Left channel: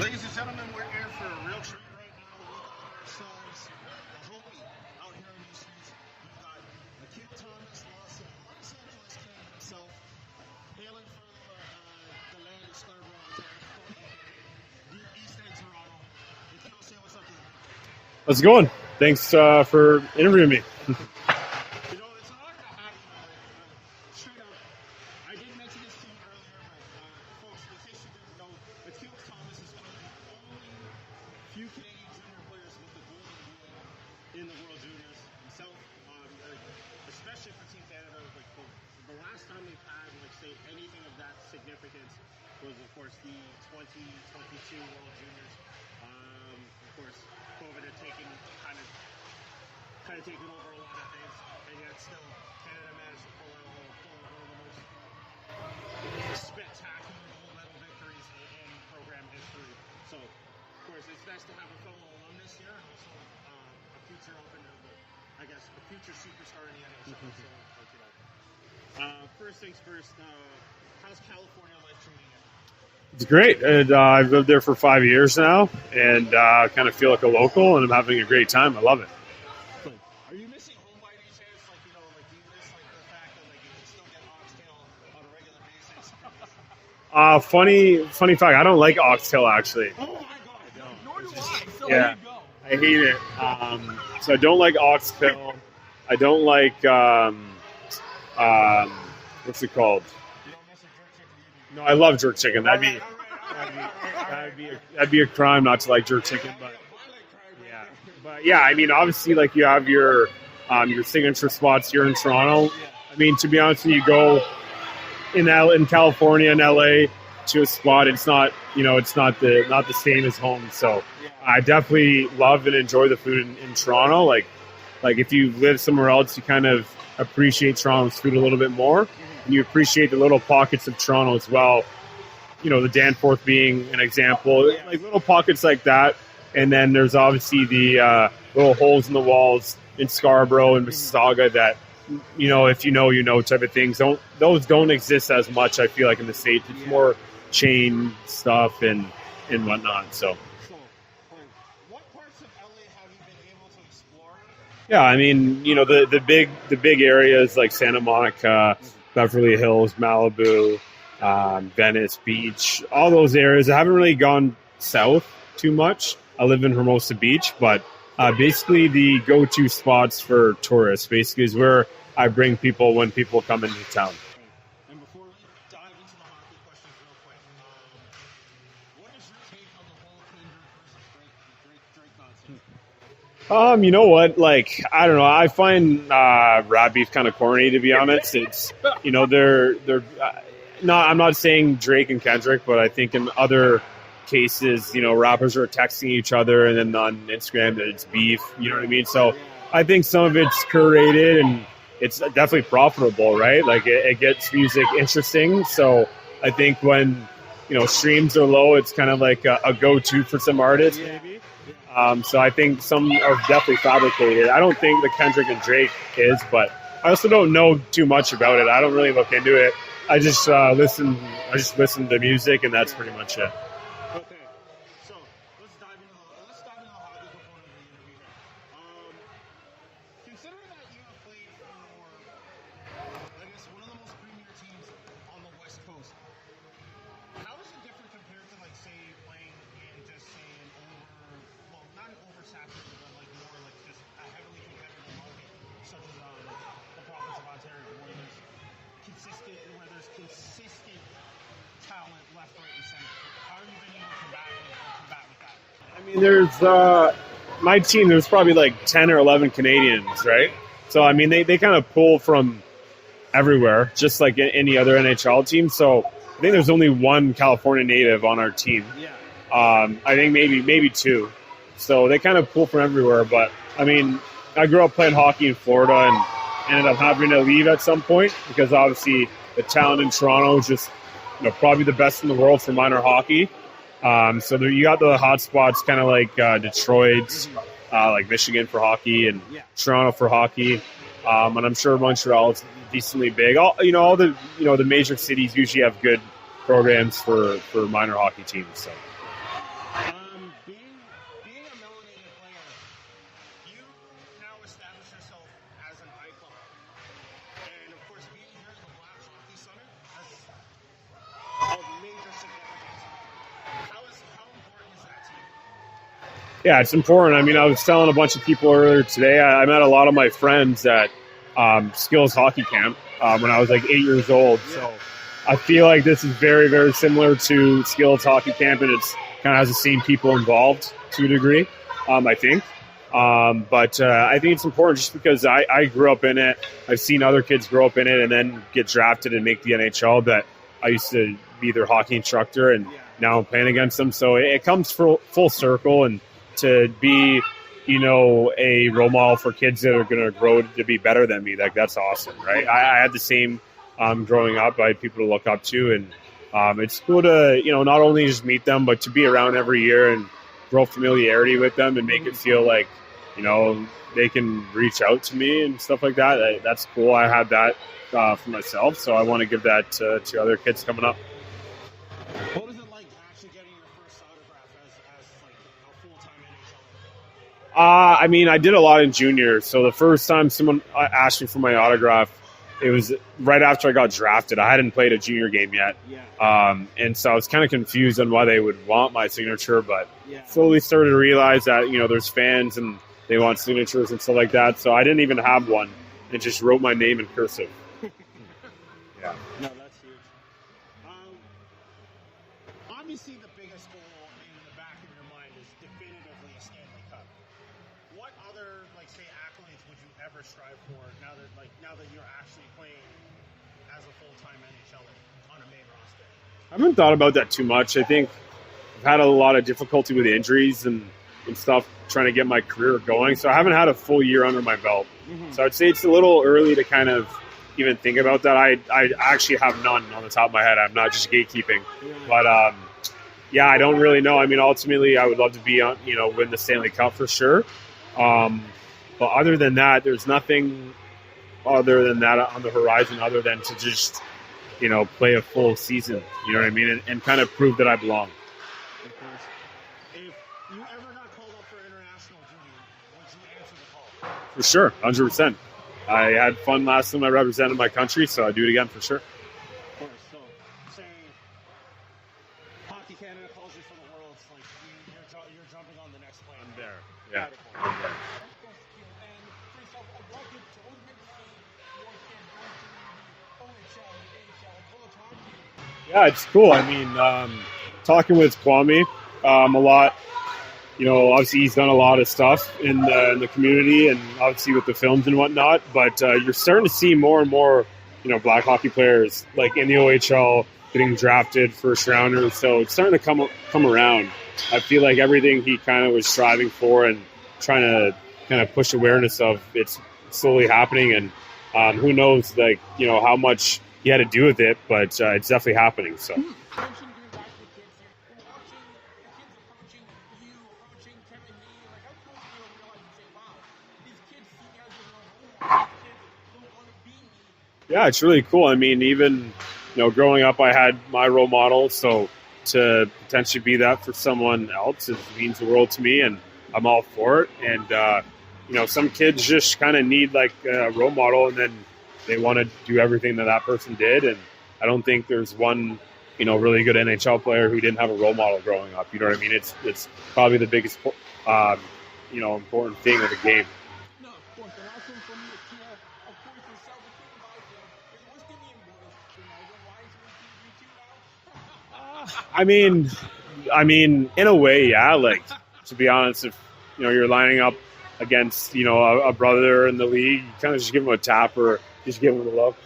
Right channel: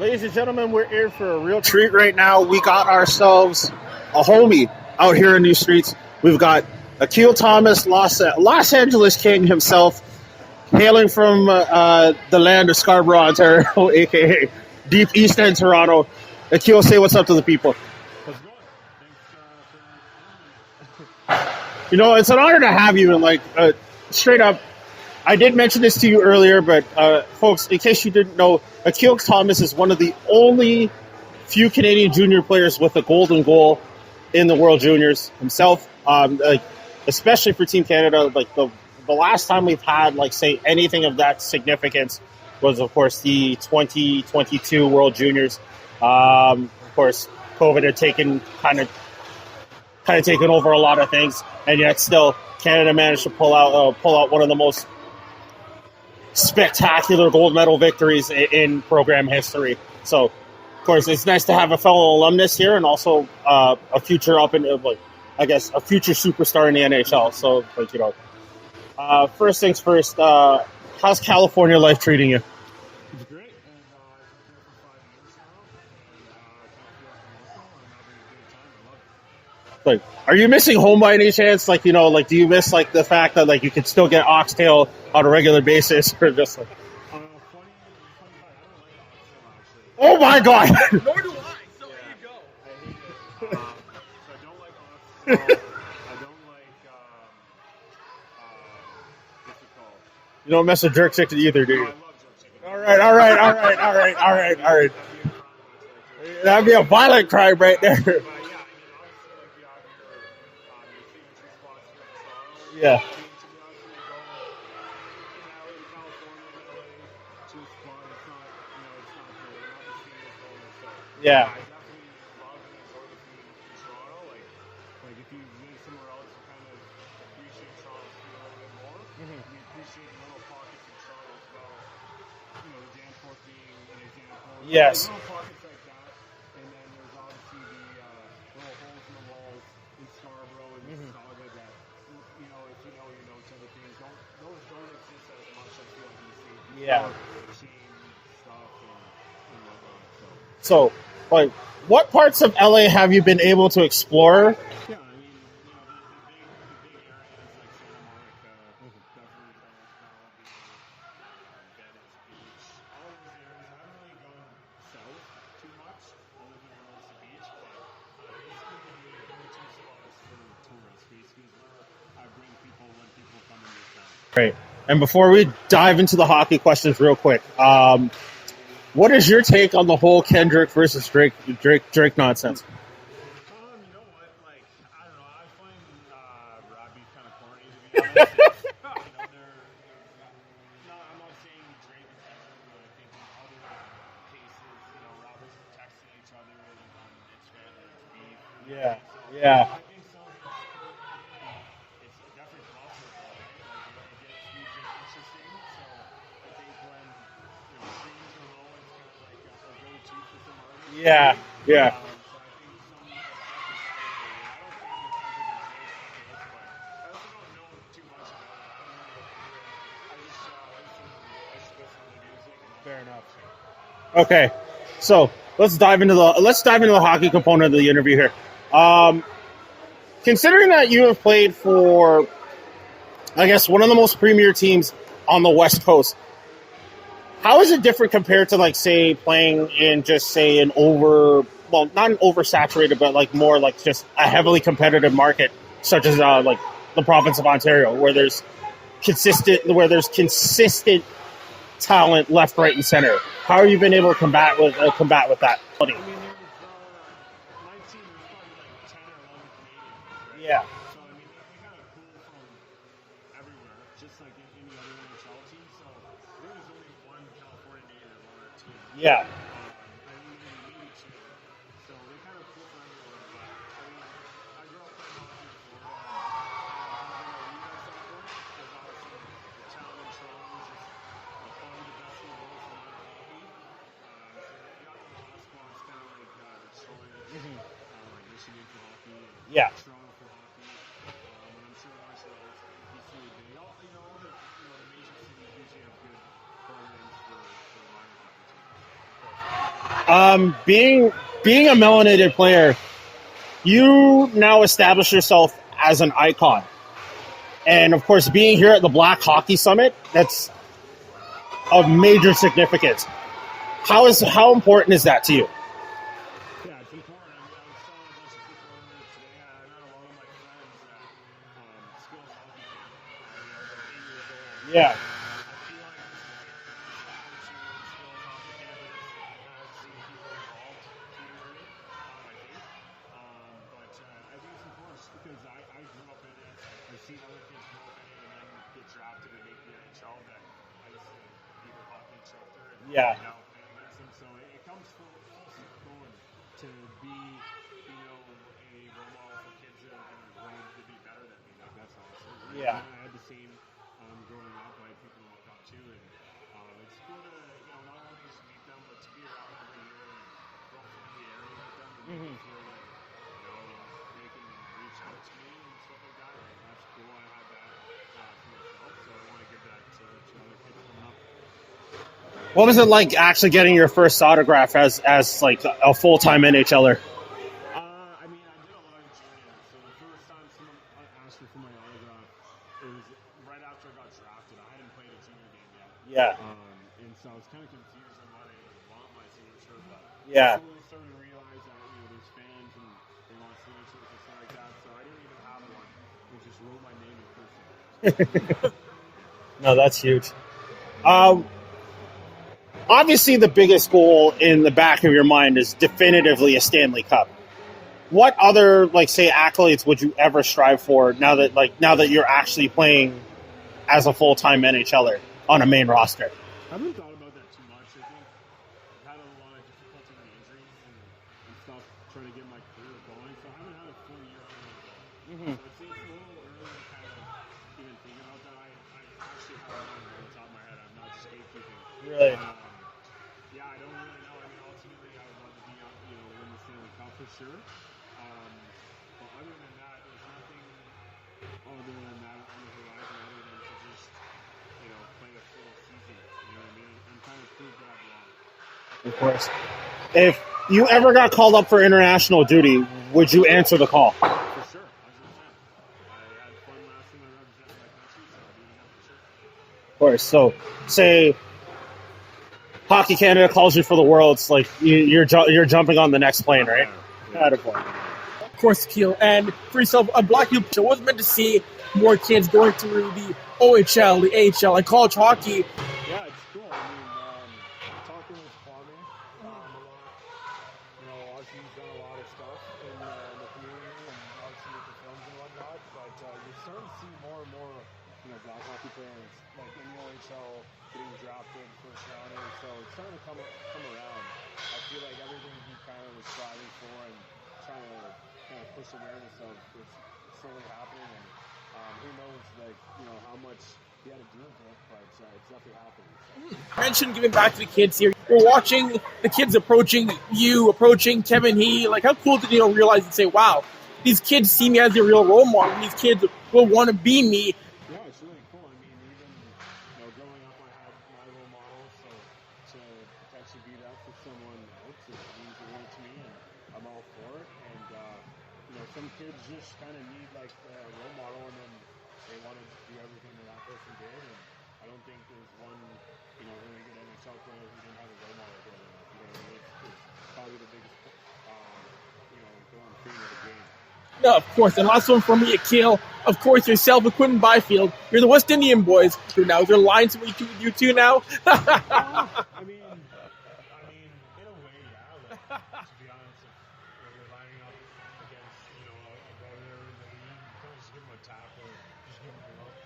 Ladies and gentlemen, we're here for a real treat right now. We got ourselves a homie out here in these streets. We've got Akil Thomas, Los Angeles King himself, hailing from the land of Scarborough, Ontario, a.k.a. deep east end Toronto. Akil, say what's up to the people. How's it going? Thanks for interviewing me. You know, it's an honor to have you. And straight up, I did mention this to you earlier, but folks, in case you didn't know, Akil Thomas is one of the only few Canadian junior players with a golden goal in the World Juniors himself. Especially for Team Canada, the last time we've had say anything of that significance was, of course, the 2022 World Juniors. Of course, COVID had taken kind of taken over a lot of things, and yet still Canada managed to pull out one of the most spectacular gold medal victories in program history. So, of course, it's nice to have a fellow alumnus here, and also a future a future superstar in the NHL. So, first things first, how's California life treating you? It's great. And, I've lived there for 5 years now, and kind of feel like a local, and I'm having a great time. I love it. Are you missing home by any chance? Do you miss the fact that you can still get oxtail on a regular basis, or just funny fact, I don't like oxtail actually. Oh my god! Nor do I. So yeah, there you go. I hate it. So I don't like oxtail. I don't like what's it called? You don't mess with jerk chicken either, do you? I love jerk chicken. All right. That'd be a crime not to like jerk chicken. That'd be a violent crime right there. Yeah, I mean, obviously, you have your signature spots here in Toronto. Yeah. I mean, to be honest with you, go in California and LA to a spot, it's not the same as home. So yeah, I definitely love and enjoy the food in Toronto. Like if you live somewhere else, you kind of appreciate Toronto's food a little bit more. And you appreciate the little pockets of Toronto as well. The Danforth being an example. Yes. Little pockets like that. And then there's obviously the little holes in the walls in Scarborough and Mississauga that, if you know type of things. Those don't exist as much, I feel like, in the States. It's more chain stuff and whatnot. So, what parts of LA have you been able to explore? Yeah, I mean, the big areas like Santa Monica, Beverly Hills, Malibu, Venice Beach, all those areas. I haven't really gone south too much. I live in Hermosa Beach, but basically the go-to spots for tourists basically is where I bring people when people come into town. Great. And before we dive into the hockey questions real quick, what is your take on the whole Kendrick versus Drake nonsense? You know what? I don't know. I find rap beef kind of corny, to be honest. It's they're not. I'm not saying Drake and Kendrick, but I think in other cases, rappers are texting each other, and then on Instagram that it's beef. You know what I mean? So yeah. I think some of it's curated and it's definitely profitable, right? It gets music interesting. So I think when streams are low, it's kind of like a go-to for some artists. Yeah. So I think some are definitely fabricated. I don't think the Kendrick and Drake is, but I also don't know too much about it. I don't really look into it. I just listen to music, and that's pretty much it. Okay, so let's dive into the hockey component of the interview here. Considering that you have played for, I guess, one of the most premier teams on the West Coast, how is it different compared to say playing in just an not an oversaturated, but more just a heavily competitive market such as the province of Ontario, where there's consistent talent left, right, and center? How have you been able to combat with that? I mean, there's my team. There's probably 10 or 11 Canadians, right? Yeah. So I mean, they kind of pull from everywhere, just like any other NHL team. So I think there's only one California native on our team. Yeah. I think maybe two. So they kind of pull from everywhere. But I mean, I grew up playing hockey in Florida and ended up having to leave at some point because obviously the talent in Toronto is just probably the best in the world for minor hockey. So you got the hot spots, kind of like Detroit, like Michigan for hockey, and Toronto for hockey. And I'm sure Montreal is decently big. All the major cities usually have good programs for minor hockey teams. So. Being a melanated player, you now establish yourself as an icon. And, of course, being here at the Black Hockey Summit, that's of major significance. How important is that to you? Yeah, it's important. I mean, I was telling a bunch of people earlier today, I met a lot of my friends at Skills Hockey Camp when I was like 8 years old. Yeah. I feel like this is very, very similar to Skills Hockey Camp, and it's kind of has the same people involved to a degree, I think. But I think it's important just because I grew up in it. I've seen other kids grow up in it and then get drafted and make the NHL. That I used to be their hockey instructor, and now I'm playing against them. So it comes full circle, and to be, a role model for kids that are going to grow to be better than me, that's awesome, right? I had the same growing up. I had people to look up to, and it's cool to, not only just meet them, but to be around every year and grow familiarity with them and make it feel like, they can reach out to me and stuff like that. That's cool. I had that for myself, so I want to give that to other kids coming up. What was it like actually getting your first autograph as like a full-time NHLer? I mean, I did a lot in junior. So the first time someone asked me for my autograph, it was right after I got drafted. I hadn't played a junior game yet. Yeah. And so I was kind of confused on why they would want my signature, but yeah, slowly started to realize that, there's fans and they want signatures and stuff like that. So I didn't even have one and just wrote my name in cursive. Yeah. No, that's huge. Obviously, the biggest goal in the back of your mind is definitively a Stanley Cup. What other, say, accolades would you ever strive for now that you're actually playing as a full-time NHLer on a main roster? I haven't thought about that too much. I think I've had a lot of difficulty with injuries and stuff trying to get my career going, so I haven't had a full year under my belt. Mm-hmm. So I'd say it's a little early to kind of even think about that. I actually have none on the top of my head. I'm not just gatekeeping. But, I don't really know. I mean, ultimately, I would love to be on, win the Stanley Cup for sure. But other than that, there's nothing other than that on the horizon other than to just, play a full season, you know what I mean? And kind of prove that I belong. Of course. If you ever got called up for international duty, would you answer the call? For sure, 100%. I had fun last time I represented my country, so I'd do it again for sure. Of course. So, say Hockey Canada calls you for the Worlds, you're jumping on the next plane, right? Yeah. Of course, Akil. And for yourself, a Black Youth Show was meant to see more kids going through the OHL, the AHL, and college hockey. Yeah, it's cool. I mean, talking with Kwame a lot, obviously he's done a lot of stuff in the community and obviously with the films and whatnot, but you're starting to see more and more, Black hockey players in the OHL getting drafted first rounders. So it's starting to come around. I feel like everything he kind of was striving for and trying to kind of push awareness of, it's slowly happening. And who knows, how much he had to do with it, but it's definitely happening. So, you mentioned giving back to the kids here. We're watching the kids approaching Kevin He. How cool did you realize and say, wow, these kids see me as a real role model. And these kids will want to be me. Yeah, it's really cool. I mean, even growing up, I had my role model, so to potentially be that for someone else, it means the world to me, and I'm all for it. And some kids just kind of need a role model, and then they want to do everything that person did. And I don't think there's one, really good NHL player who didn't have a role model growing up. You know what I mean? It's probably the biggest, important thing of the game. Yeah, of course. And last one for me, Akil. Of course, yourself with Quentin Byfield. You're the West Indian boys. Now, is there lines with you two now? I mean, in a way, yeah. To be honest, if you're lining up against a brother in the league, you kind of just give him a tap or just give him a look,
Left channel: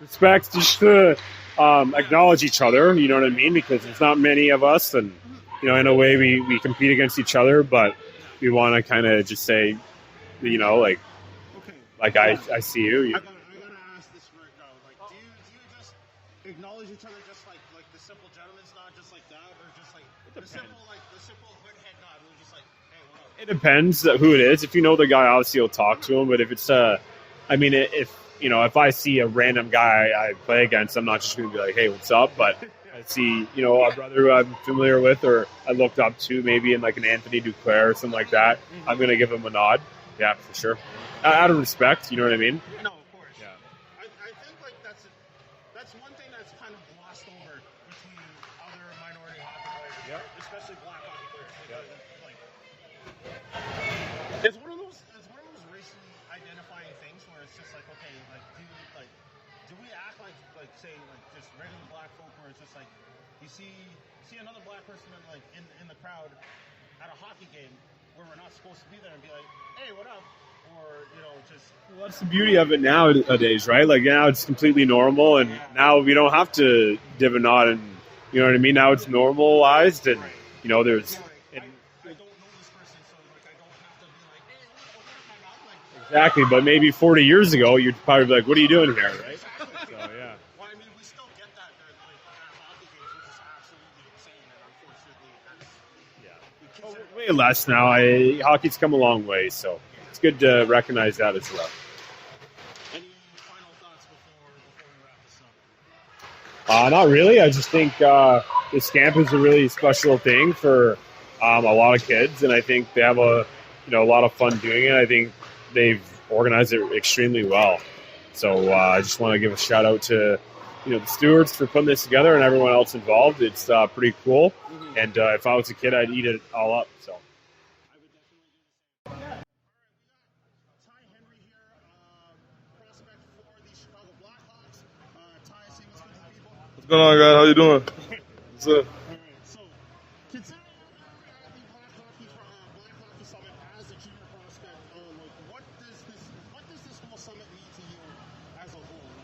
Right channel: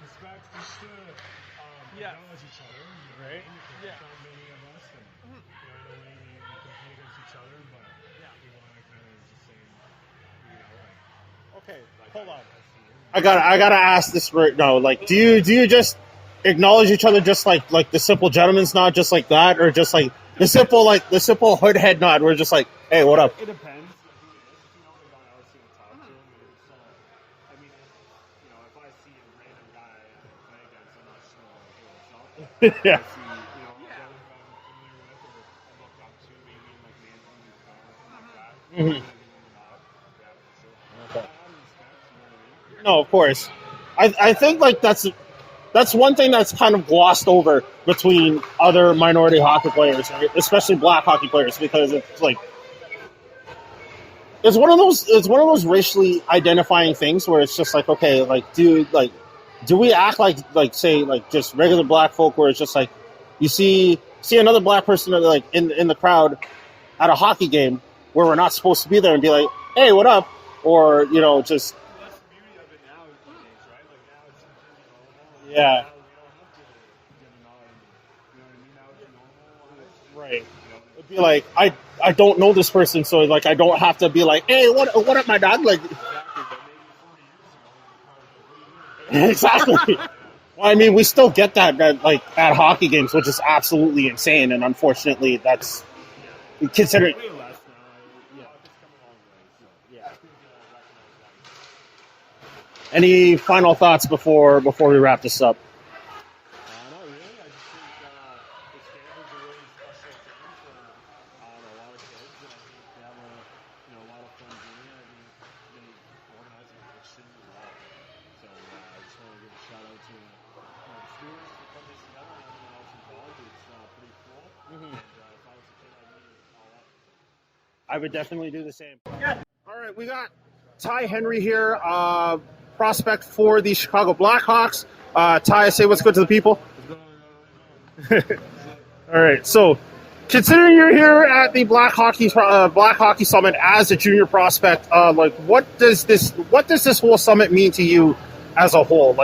respect, just to acknowledge each other. You know what I mean? Because there's not many of us, and in a way, we compete against each other, but we want to kind of just say, I see you. I gotta ask this right now. Do you just acknowledge each other just like the simple gentleman's nod, just like that, or just the simple hood head nod? We're just hey, what up? It depends who it is. If you know the guy, obviously you'll talk to him. But if it's if you know, if I see a random guy I play against, I'm not just going to be like, hey, what's up? But Yeah. see, you know, a brother who I'm familiar with or I looked up to, maybe in like an Anthony Duclair or something like that, Mhm. I'm going to give him a nod. Yeah, for sure. Out of respect, you know what I mean? No, of course. I think like that's one thing that's kind of glossed over between other minority hockey players, right? Especially black hockey players, because it's like it's one of those racially identifying things where it's just like, okay, like do we act like say like just regular black folk, where it's just like you see another black person like in the crowd at a hockey game where we're not supposed to be there and be like, hey, what up? Or, you know, just That's the beauty of it nowadays, right? Like now it's completely normal, and Yeah. now we don't have to div a nod, and you know what I mean. Now it's normalized, and Right. you know, there's like I don't know this person, so like I don't have to be like, hey, what up, my dog? Like exactly. But maybe 40 years ago, you'd probably be like, "What are you doing here?" exactly. Yeah. Well, I mean, we still get that like at hockey games, which is absolutely insane, and unfortunately, that's considered. Way less now. Hockey's come a long way, so it's good to recognize that as well. Any final thoughts before we wrap this up? Not really. I just think this camp is a really special thing for a lot of kids, and I think they have a lot of fun doing it. I think they've organized it extremely well. So I just want to give a shout out to the Stewarts for putting this together and everyone else involved. It's pretty cool, and if I was a kid, I'd eat it all up. So I would definitely do the same. Yeah. All right, we got Ty Henry here, prospect for the Chicago Blackhawks. Ty, say what's good to the people. What's going on, guys? How you doing? All right, so considering you're here at the Black Hockey Summit as a junior prospect, like what does this whole summit mean to you as a whole?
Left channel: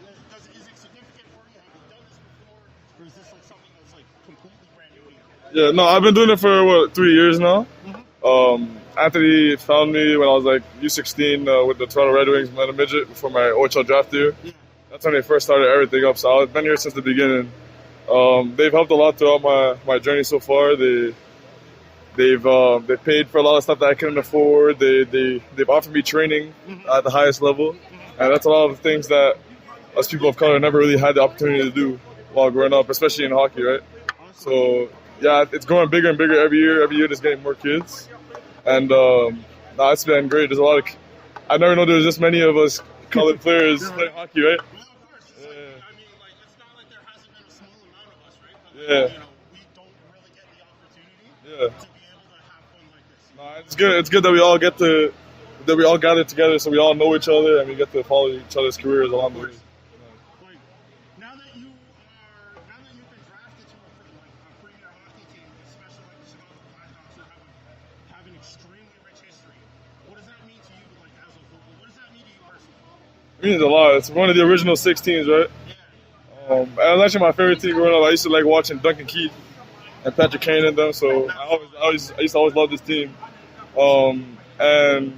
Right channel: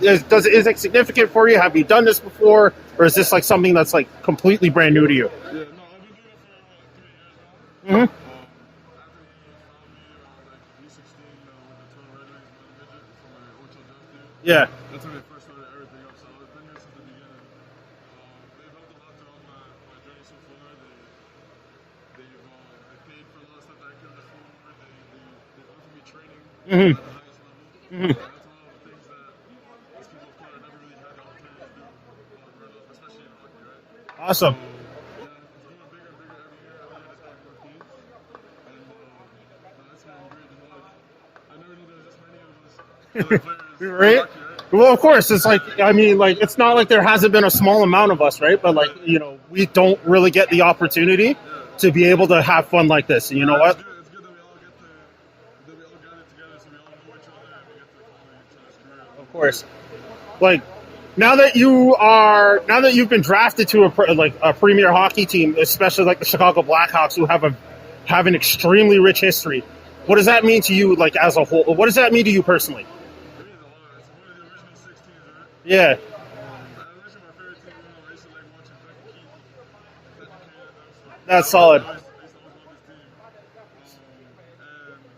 Is it significant for you? Have you done this before, or is this like something that's like completely brand new to you? Yeah, no, I've been doing it for 3 years now. Mm-hmm. Anthony found me when I was like U16 with the Toronto Red Wings, minor midget, before my OHL draft year. Yeah, that's when they first started everything up. So I've been here since the beginning. They've helped a lot throughout my journey so far. They've paid for a lot of stuff that I couldn't afford. They've offered me training at the highest level, and that's a lot of the things that us people of color never really had the opportunity to do while growing up, especially in hockey, right? Awesome. So yeah, it's growing bigger and bigger every year. Every year, there's getting more kids, and it's been great. There's a lot of. I never know there was this many of us colored players right? in hockey, right? Well, of course, it's like, I mean, like, it's not like there hasn't been a small amount of us, right? But like, we don't really get the opportunity to be able to have fun like this. And you know what? It's good. It's good that we all gather together, so we all know each other and we get to follow each other's careers along the way. Like, now that you've been drafted to a premier hockey team, especially like the Chicago Blackhawks, who have an extremely rich history, what does that mean to you, like, as a whole? What does that mean to you personally? It means a lot. It's one of the original 6 teams, right? Yeah. It was actually my favorite team growing up. I used to like watching Duncan Keith and Patrick Kane and them. So that's solid. I used to always love this team. And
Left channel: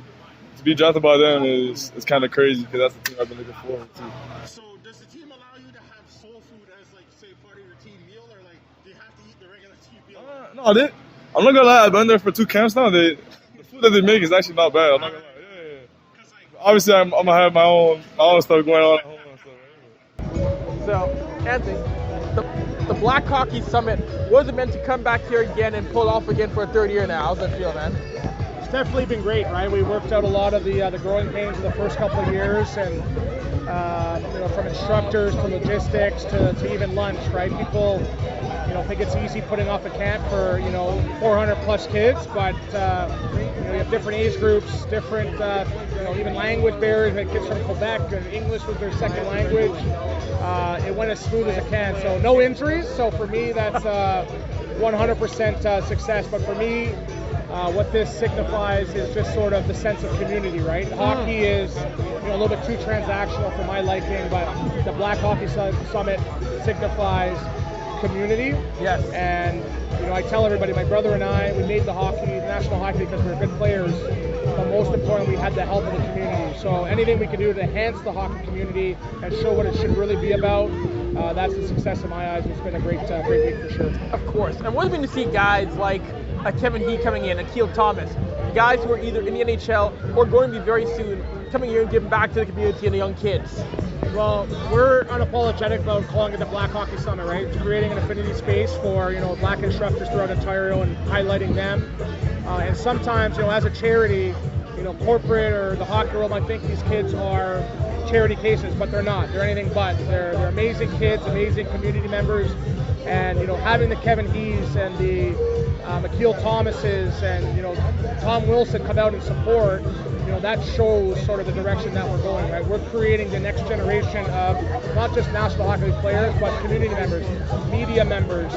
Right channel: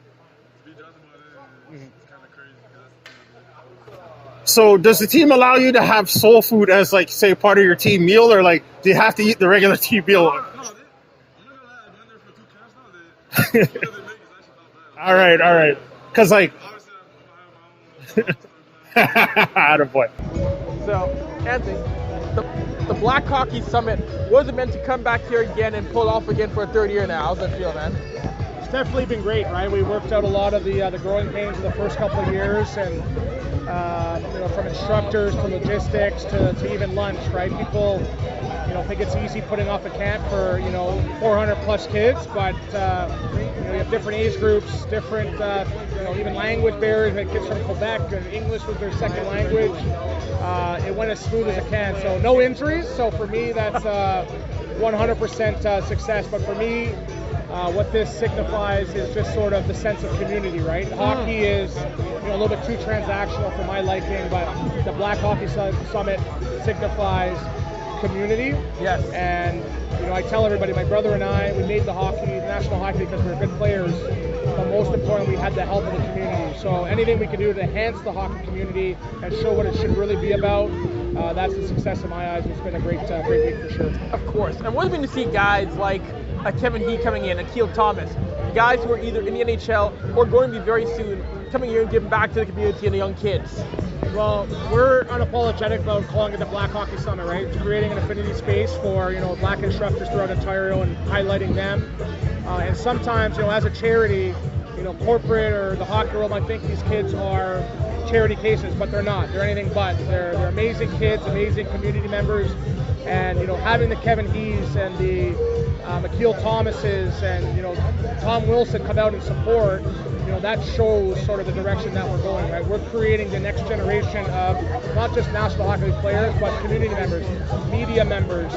to be drafted by them is kind of crazy because that's the team I've been looking forward to. So does the team allow you to have soul food as, like, say, part of your team meal, or like do you have to eat the regular team meal? I'm not gonna lie. I've been there for 2 camps now. What they make is actually not bad. All right. Because, like, obviously, I'm gonna have my own stuff going on. Attaboy. So, Anthony, the Black Hockey Summit wasn't meant to come back here again and pull off again for a 3rd year now. How's that feel, man? It's definitely been great, right? We worked out a lot of the growing pains of the first couple of years, and from instructors to logistics to even lunch, right? People, think it's easy putting off a camp for 400 plus kids, but you have different age groups, different even language barriers. We had kids from Quebec, and English was their second language. It went as smooth as it can. So no injuries. So for me, that's 100% success. But for me, what this signifies is just sort of the sense of community, right? Hockey is a little bit too transactional for my liking, but the Black Hockey Summit signifies community. Yes. And I tell everybody, my brother and I, we made the national hockey because we were good players, but most importantly, we had the help of the community. So anything we can do to enhance the hockey community and show what it should really be about, that's the success in my eyes. It's been a great week for sure. Of course. And what have been to see guys like Kevin He coming in, Akil Thomas, guys who are either in the NHL or going to be very soon coming here and giving back to the community and the young kids? Well, we're unapologetic about calling it the Black Hockey Summit, right? It's creating an affinity space for, Black instructors throughout Ontario and highlighting them. And sometimes, as a charity, corporate or the hockey world might think these kids are charity cases, but they're not. They're anything but. They're amazing kids, amazing community members, and having the Kevin Hees and the Akil Thomases and Tom Wilson come out and support. That shows sort of the direction that we're going, right? We're creating the next generation of not just National Hockey League players, but community members, media members,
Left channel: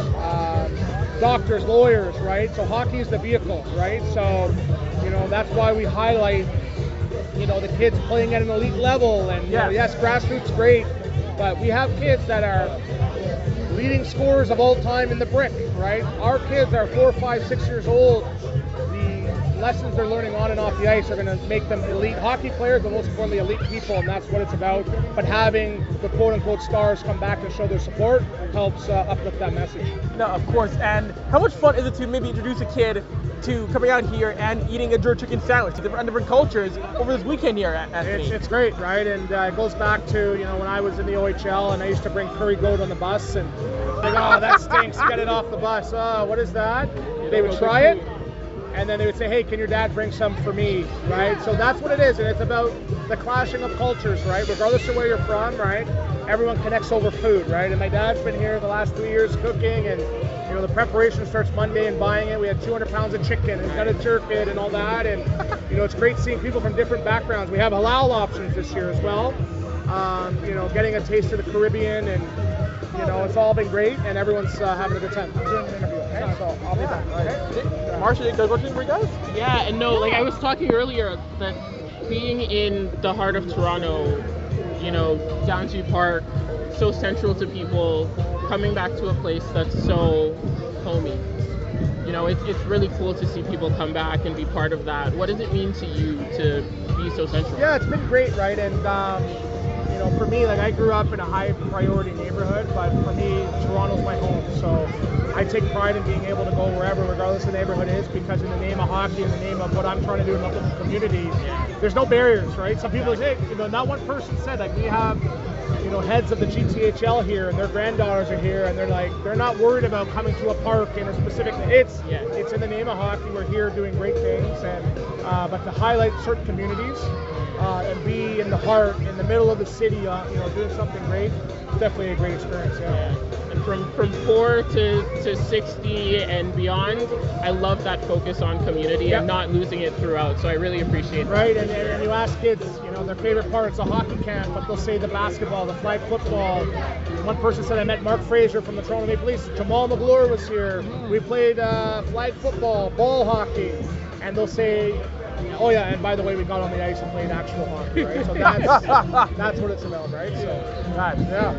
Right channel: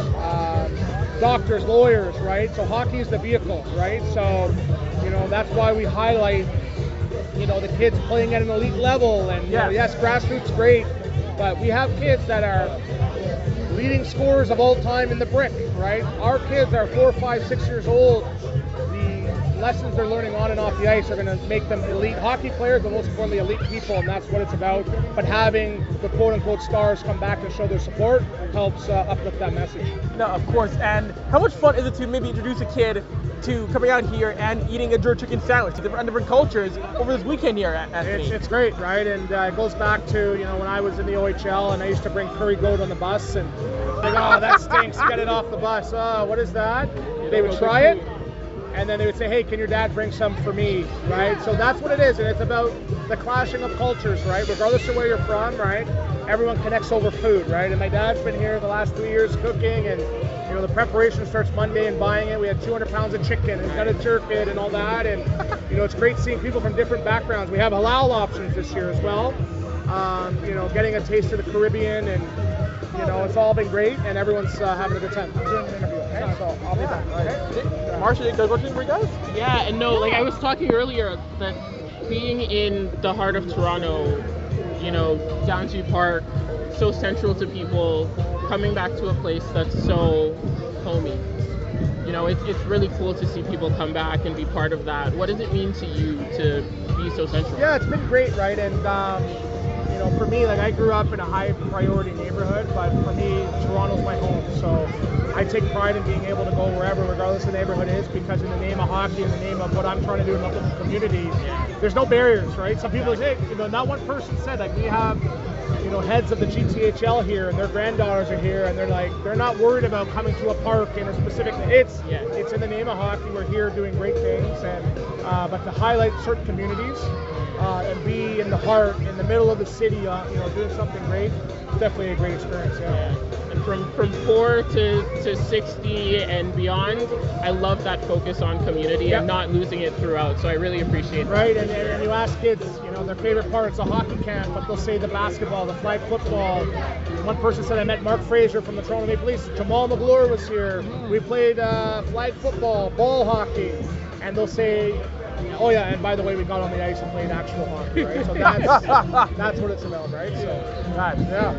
doctors, lawyers, right? So hockey is the vehicle, right? So, that's why we highlight, the kids playing at an elite level. And yes, grassroots great, but we have kids that are leading scorers of all time in the brick, right? Our kids are 4, 5, 6 years old. Lessons they're learning on and off the ice are going to make them elite hockey players, but most importantly, elite people, and that's what it's about. But having the quote-unquote stars come back and show their support helps uplift that message. No, of course. And how much fun is it to maybe introduce a kid to coming out here and eating a jerk chicken sandwich to different cultures over this weekend here, Anthony? It's great, right? And it goes back to, when I was in the OHL and I used to bring curry goat on the bus and like, oh, that stinks, get it off the bus. Oh, what is that? They would try it. And then they would say, hey, can your dad bring some for me, right? So that's what it is, and it's about the clashing of cultures, right? Regardless of where you're from, right? Everyone connects over food, right? And my dad's been here the last 3 years cooking, and the preparation starts Monday and buying it. We had 200 pounds of chicken, and got to jerk it and all that, and it's great seeing people from different backgrounds. We have halal options this year as well. Getting a taste of the Caribbean, and it's all been great, and everyone's having a good time. I'm doing an interview, okay? So I'll be back. Okay? Marcia, you got a question for you guys? Yeah, and no, like I was talking earlier that being in the heart of Toronto, Downsview Park, so central to people, coming back to a place that's so homey. It's really cool to see people come back and be part of that. What does it mean to you to be so central? Yeah, it's been great, right? And for me, like I grew up in a high priority neighborhood, but for me, Toronto's my home. So I take pride in being able to go wherever, regardless of the neighborhood is, because in the name of hockey, in the name of what I'm trying to do in the local community, there's no barriers, right? Some people say, not one person said, like we have, heads of the GTHL here, and their granddaughters are here, and they're not worried about coming to a park in a specific. It's in the name of hockey. We're here doing great things, and but to highlight certain communities. And be in the heart, in the middle of the city, doing something great. It's definitely a great experience. Yeah. And from 4 to 60 and beyond, I love that focus on community and not losing it throughout. So I really appreciate that. Right, and you ask kids, their favorite parts of hockey camp, but they'll say the basketball, the flag football. One person said I met Mark Fraser from the Toronto Maple Leafs. Jamal McGlure was here. We played flag football, ball hockey, and they'll say. Oh yeah, and by the way, we got on the ice and played actual hockey, right? So that's what it's about, right? So, yeah.